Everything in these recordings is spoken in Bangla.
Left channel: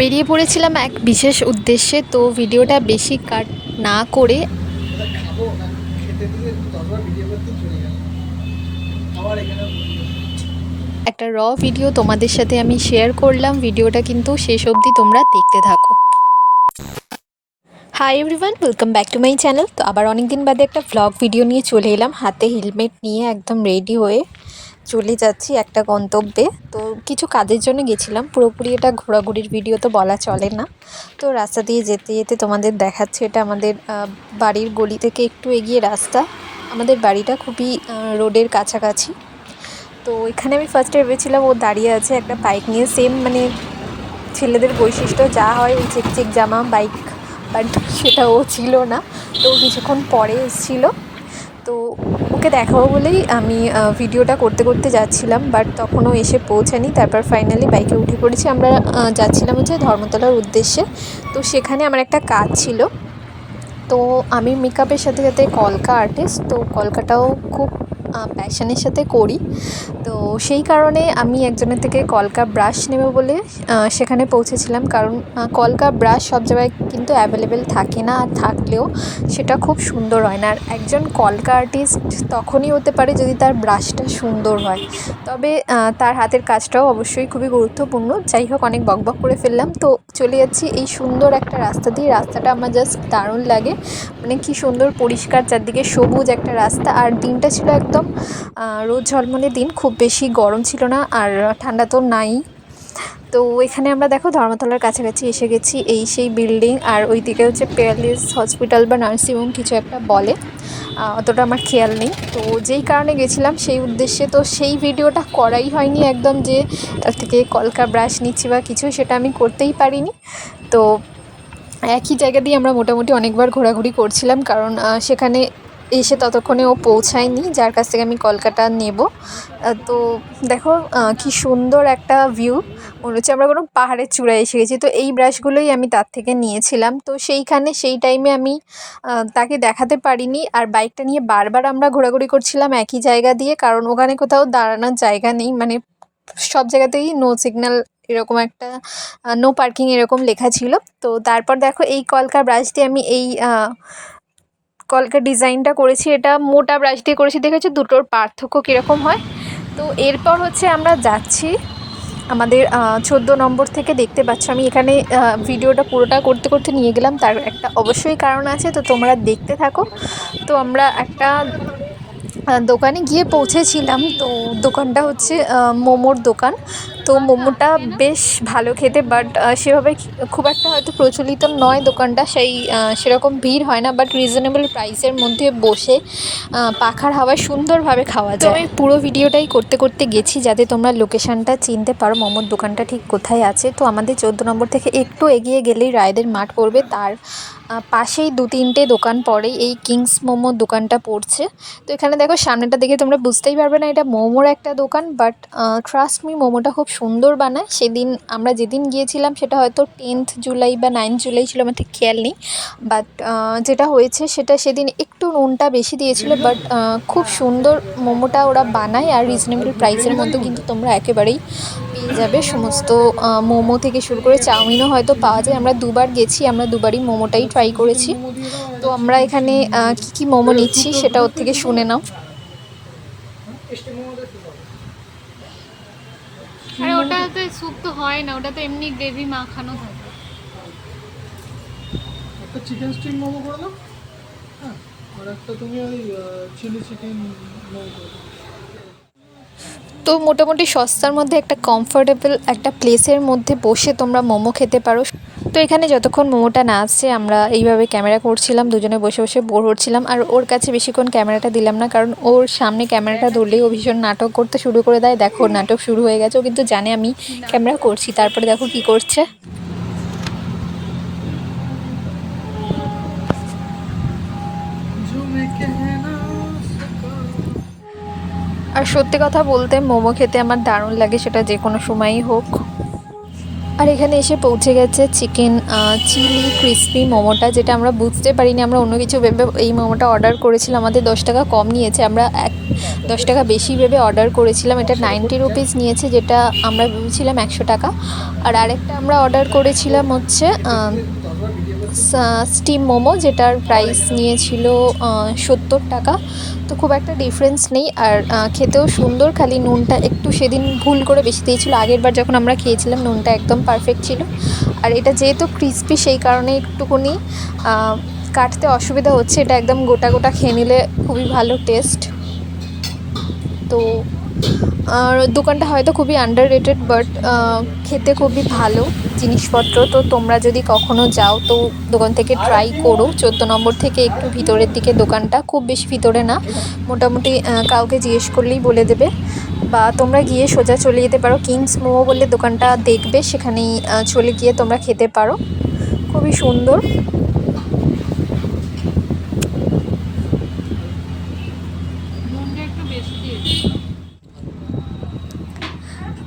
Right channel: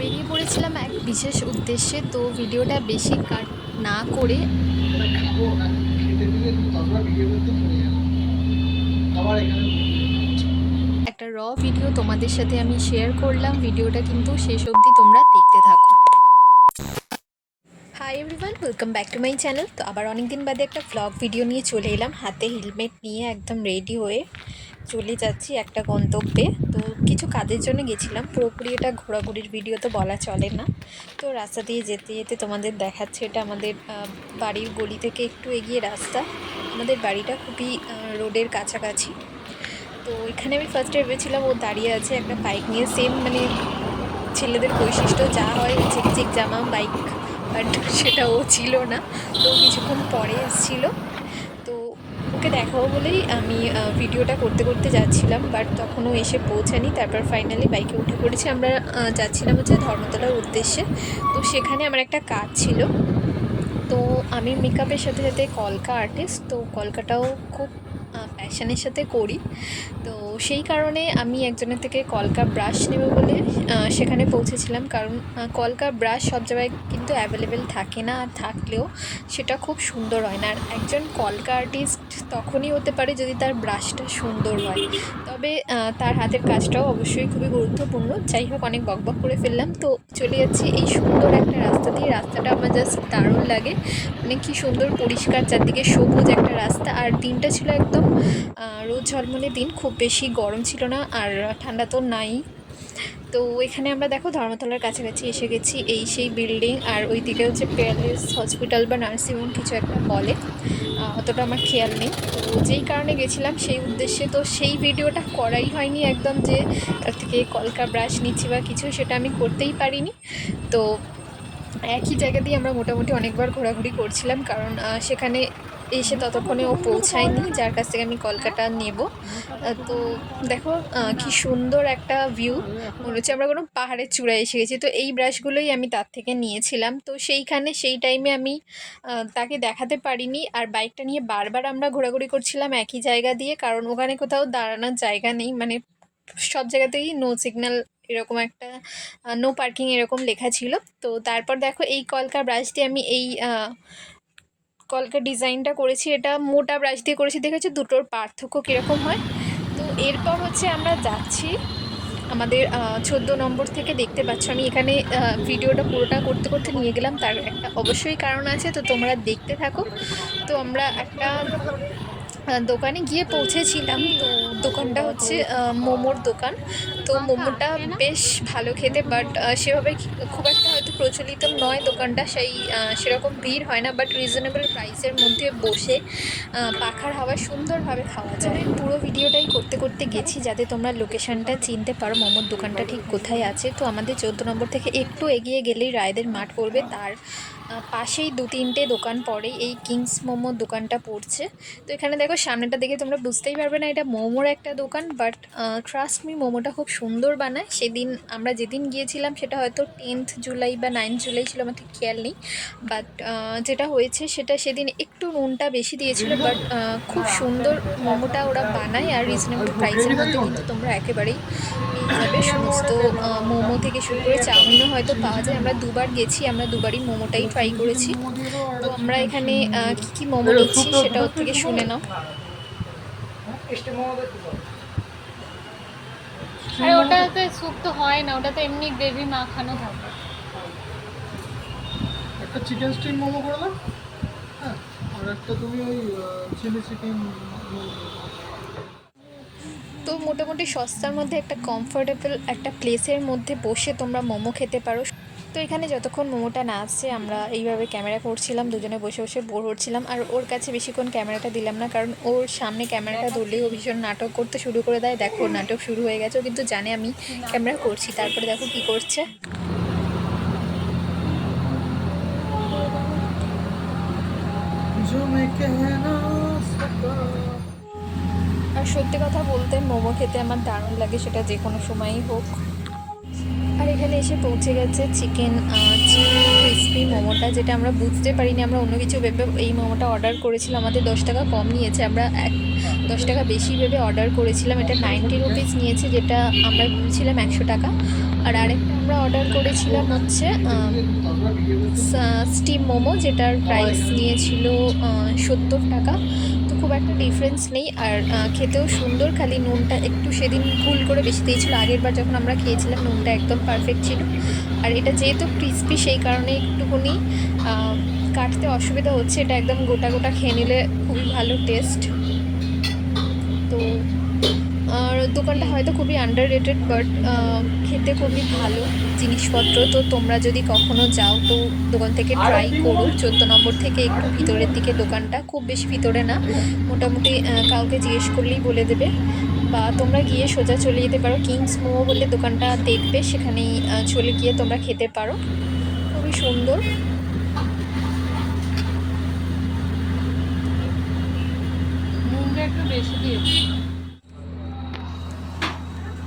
বেরিয়ে পড়েছিলাম এক বিশেষ উদ্দেশ্যে। তো ভিডিওটা বেশি কাট না করে একটা ভিডিও তোমাদের সাথে আমি শেয়ার করলাম। ভিডিওটা কিন্তু শেষ অবধি তোমরা দেখতে থাকো। Hi everyone, welcome back to my channel. তো আবার অনেক দিন বাদে একটা ভ্লগ ভিডিও নিয়ে চলে এলাম, হাতে হেলমেট নিয়ে একদম রেডি হয়ে চলে যাচ্ছি একটা গন্তব্যে। তো কিছু কাজের জন্য গেছিলাম, পুরোপুরি এটা ঘোরাঘুরির ভিডিও তো বলা চলে না। তো রাস্তা দিয়ে যেতে যেতে তোমাদের দেখাচ্ছে, এটা আমাদের বাড়ির গলি থেকে একটু এগিয়ে রাস্তা। আমাদের বাড়িটা খুবই রোডের কাছাকাছি। তো এখানে আমি ফার্স্টে ভেবেছিলাম ও দাঁড়িয়ে আছে একটা বাইক নিয়ে, সেম মানে ছেলেদের বৈশিষ্ট্য যা হয় চেক চেক জামা বাইক, বাট সেটা ও ছিল না। তো কিছুক্ষণ পরে এসেছিলো, তো ওকে দেখাবো বলেই আমি ভিডিওটা করতে করতে যাচ্ছিলাম, বাট তখনও এসে পৌঁছানি। তারপর ফাইনালি বাইকে উঠে পড়েছি। আমরা যাচ্ছিলাম হচ্ছে ধর্মতলার উদ্দেশ্যে। তো সেখানে আমার একটা কাজ ছিল। তো আমি মেকআপের সাথে সাথে কলকা আর্টিস্ট, তো কলকাটাও খুব প্যাশনের সাথে করি। তো সেই কারণে আমি একজনের থেকে কলকা ব্রাশ নেব বলে সেখানে পৌঁছেছিলাম, কারণ কলকা ব্রাশ সব জায়গায় কিন্তু অ্যাভেলেবেল থাকে না, আর থাকলেও সেটা খুব সুন্দর হয় না। আর একজন কলকা আর্টিস্ট তখনই হতে পারে যদি তার ব্রাশটা সুন্দর হয়, তবে তার হাতের কাজটাও অবশ্যই খুবই গুরুত্বপূর্ণ। যাই হোক, অনেক বকবক করে ফেললাম। তো চলে যাচ্ছি এই সুন্দর একটা রাস্তা দিয়ে। রাস্তাটা আমার জাস্ট দারুণ লাগে, মানে কি সুন্দর পরিষ্কার, চারদিকে সবুজ একটা রাস্তা। আর দিনটা ছিল একদম রোদ ঝলমলে দিন, খুব বেশি গরম ছিল না আর ঠান্ডা তো নাই। তো এখানে আমরা দেখো ধর্মতলার কাছাকাছি এসে গেছি। এই সেই বিল্ডিং, আর ওই দিকে হচ্ছে প্যালেস হসপিটাল বা নার্সিংহোম কিছু একটা বলে, অতটা আমার খেয়াল নেই। তো যেই কারণে গেছিলাম সেই উদ্দেশ্যে, তো সেই ভিডিওটা করাই হয়নি একদম, যে থেকে কলকা ব্রাশ নিচ্ছি বা কিছু, সেটা আমি করতেই পারিনি। তো একই জায়গা দিয়ে আমরা মোটামুটি অনেকবার ঘোরাঘুরি করছিলাম, কারণ সেখানে এসে ততক্ষণে ও পৌঁছায়নি যার কাছ থেকে আমি কলকাতা নেব। তো দেখো কি সুন্দর একটা ভিউ, মনে হচ্ছে আমরা কোনো পাহাড়ের চূড়ায় এসে গেছি। তো এই ব্রাশগুলোই আমি তার থেকে নিয়েছিলাম। তো সেইখানে সেই টাইমে আমি তাকে দেখাতে পারিনি। আর বাইকটা নিয়ে বারবার আমরা ঘোরাঘুরি করছিলাম একই জায়গা দিয়ে, কারণ ওখানে কোথাও দাঁড়ানোর জায়গা নেই, মানে সব জায়গাতেই নো সিগন্যাল, এরকম একটা নো পার্কিং এরকম লেখা ছিল। তো তারপর দেখো এই কলকা ব্রাশ দিয়ে আমি এই কলকার ডিজাইনটা করেছি। এটা মোটা ব্রাশ দিয়ে করেছি, দেখেছি দুটোর পার্থক্য কীরকম হয়। তো এরপর হচ্ছে আমরা যাচ্ছি আমাদের 14 নম্বর থেকে। দেখতে পাচ্ছ আমি এখানে ভিডিওটা পুরোটা করতে করতে নিয়ে গেলাম, তার একটা অবশ্যই কারণ আছে, তো তোমরা দেখতে থাকো। তো আমরা একটা দোকানে গিয়ে পৌঁছেছিলাম। তো দোকানটা হচ্ছে মোমোর দোকান। তো মোমোটা বেশ ভালো খেতে, বাট সেভাবে খুব একটা হয়তো প্রচলিত নয় দোকানটা, সেরকম ভিড় হয় না, বাট রিজনেবল প্রাইসের মধ্যে বসে পাখার হাওয়ায় সুন্দরভাবে খাওয়া যায়। তো আমি পুরো ভিডিওটাই করতে করতে গেছি যাতে তোমরা লোকেশনটা চিনতে পারো মোমোর দোকানটা ঠিক কোথায় আছে। তো আমাদের 14 নম্বর থেকে একটু এগিয়ে গেলেই রায়দের মাঠ পড়বে, তার পাশেই 2-3টে দোকান পরেই এই কিংস মোমোর দোকানটা পড়ছে। তো এখানে দেখো সামনেটা দেখে তোমরা বুঝতেই পারবে না এটা মোমোর একটা দোকান, বাট ট্রাস্ট মি মোমোটা খুব সুন্দর বানায়। সেদিন আমরা যেদিন গিয়েছিলাম সেটা হয়তো 10th জুলাই বা 9th জুলাই ছিল, আমার ঠিক খেয়াল নেই। বাট যেটা হয়েছে সেটা সেদিন একটু নুনটা বেশি দিয়েছিল, বাট খুব সুন্দর মোমোটা ওরা বানায়। আর রিজনেবল প্রাইসের মধ্যে কিন্তু তোমরা একেবারেই পেয়ে যাবে সমস্ত মোমো থেকে শুরু করে চাউমিনও হয়তো পাওয়া যায়। আমরা দুবার গেছি, আমরা দুবারই মোমোটাই ট্রাই করেছি। তো আমরা এখানে কী কী মোমো নিচ্ছি সেটা ওর থেকে শুনে নাও। ওটাতে স্যুপ তো হয় না, ওটাতে এমনি গ্রেভি মাখানো থাকে। একটা চিকেন স্টিম মোমো করে দাও। হ্যাঁ, আর একটা তুমি ওই চিলি চিকেন মোমো করে দাও। তো মোটামুটি সস্তার মধ্যে একটা কমফোর্টেবল একটা প্লেসের মধ্যে বসে তোমরা মোমো খেতে পারো। তো এখানে যতক্ষণ মোমোটা না আসছে আমরা এইভাবে ক্যামেরা করছিলাম, দুজনে বসে বসে বোর হচ্ছিলাম। আর ওর কাছে বেশিক্ষণ ক্যামেরাটা দিলাম না, কারণ ওর সামনে ক্যামেরাটা ধরলেই ও ভীষণ নাটক করতে শুরু করে দেয়। দেখো ওর নাটক শুরু হয়ে গেছে, ও কিন্তু জানে আমি ক্যামেরা করছি। তারপরে দেখো কি করছে। আর সত্যি কথা বলতে মোমো খেতে আমার দারুণ লাগে, সেটা যে কোনো সময়ই হোক। আর এখানে এসে পৌঁছে গেছে চিকেন চিলি ক্রিসপি মোমোটা, যেটা আমরা বুঝতে পারিনি, আমরা অন্য কিছু ভেবে এই মোমোটা অর্ডার করেছিলাম। আমাদের 10 টাকা কম নিয়েছে, আমরা 10 টাকা বেশি ভেবে অর্ডার করেছিলাম। এটা 90 রুপিস নিয়েছে, যেটা আমরা ভেবেছিলাম 100 টাকা। আর আরেকটা আমরা অর্ডার করেছিলাম হচ্ছে স্টিম মোমো, যেটার প্রাইস নিয়েছিল 70 টাকা। তো খুব একটা ডিফারেন্স নেই, আর খেতেও সুন্দর, খালি নুনটা একটু সেদিন ভুল করে বেশি দিয়েছিল। আগের বার যখন আমরা খেয়েছিলাম নুনটা একদম পারফেক্ট ছিল। আর এটা যেহেতু ক্রিস্পি সেই কারণে একটুখানি কাটতে অসুবিধা হচ্ছে। এটা একদম গোটা গোটা খেয়ে নিলে খুবই ভালো টেস্ট। তো আর দোকানটা হয়তো খুবই আন্ডার রেটেড, বাট খেতে খুবই ভালো জিনিসপত্র। তো তোমরা যদি কখনো যাও তো দোকান থেকে ট্রাই করো। 14 নম্বর থেকে একটু ভিতরের দিকে দোকানটা, খুব বেশি ভিতরে না, মোটামুটি কাউকে জিজ্ঞেস করলেই বলে দেবে। বা তোমরা গিয়ে সোজা চলে যেতে পারো, কিংস মোমো বললে দোকানটা দেখবে, সেখানেই চলে গিয়ে তোমরা খেতে পারো। খুবই সুন্দর। নুনটা একটু বেশি দিয়েছি।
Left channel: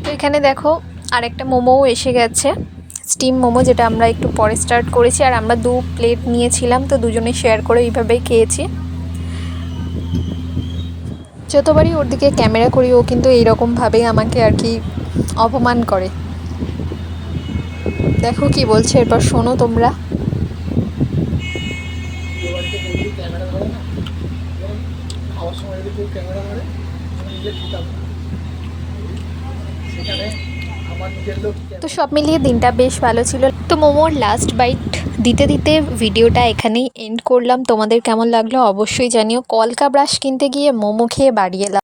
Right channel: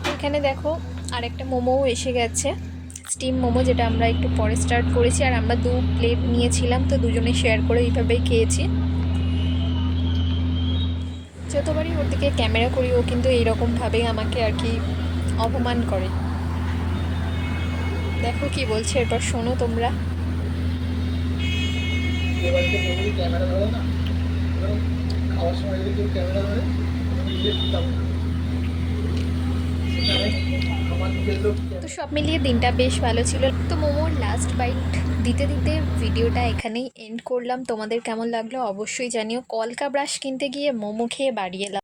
তো এখানে দেখো আরেকটা মোমোও এসে গেছে, স্টিম মোমো, যেটা আমরা একটু পরে স্টার্ট করেছি। আর আমরা 2 প্লেট নিয়েছিলাম, তো দুজনে শেয়ার করে এইভাবেই খেয়েছি। যতবারই ওর দিকে ক্যামেরা করি ও কিন্তু এইরকমভাবেই আমাকে আর কি অপমান করে। দেখো কি বলছে, এরপর শোনো তোমরা। বাড়িতে কেউ যদি ক্যামেরা ধরে না, এবার খাওয়ার সময় যদি কেউ ক্যামেরা ধরে নিজে দিতাম না, সেখানে আমার নিজের লোক। তো সব মিলিয়ে দিনটা বেশ ভালো ছিল। তো মোমোর লাস্ট বাইট দিতে দিতে ভিডিওটা এখানেই এন্ড করলাম। তোমাদের কেমন লাগলো অবশ্যই জানিও। কলকা ব্রাশ কিনতে গিয়ে মোমো খেয়ে বাড়ি এলাম।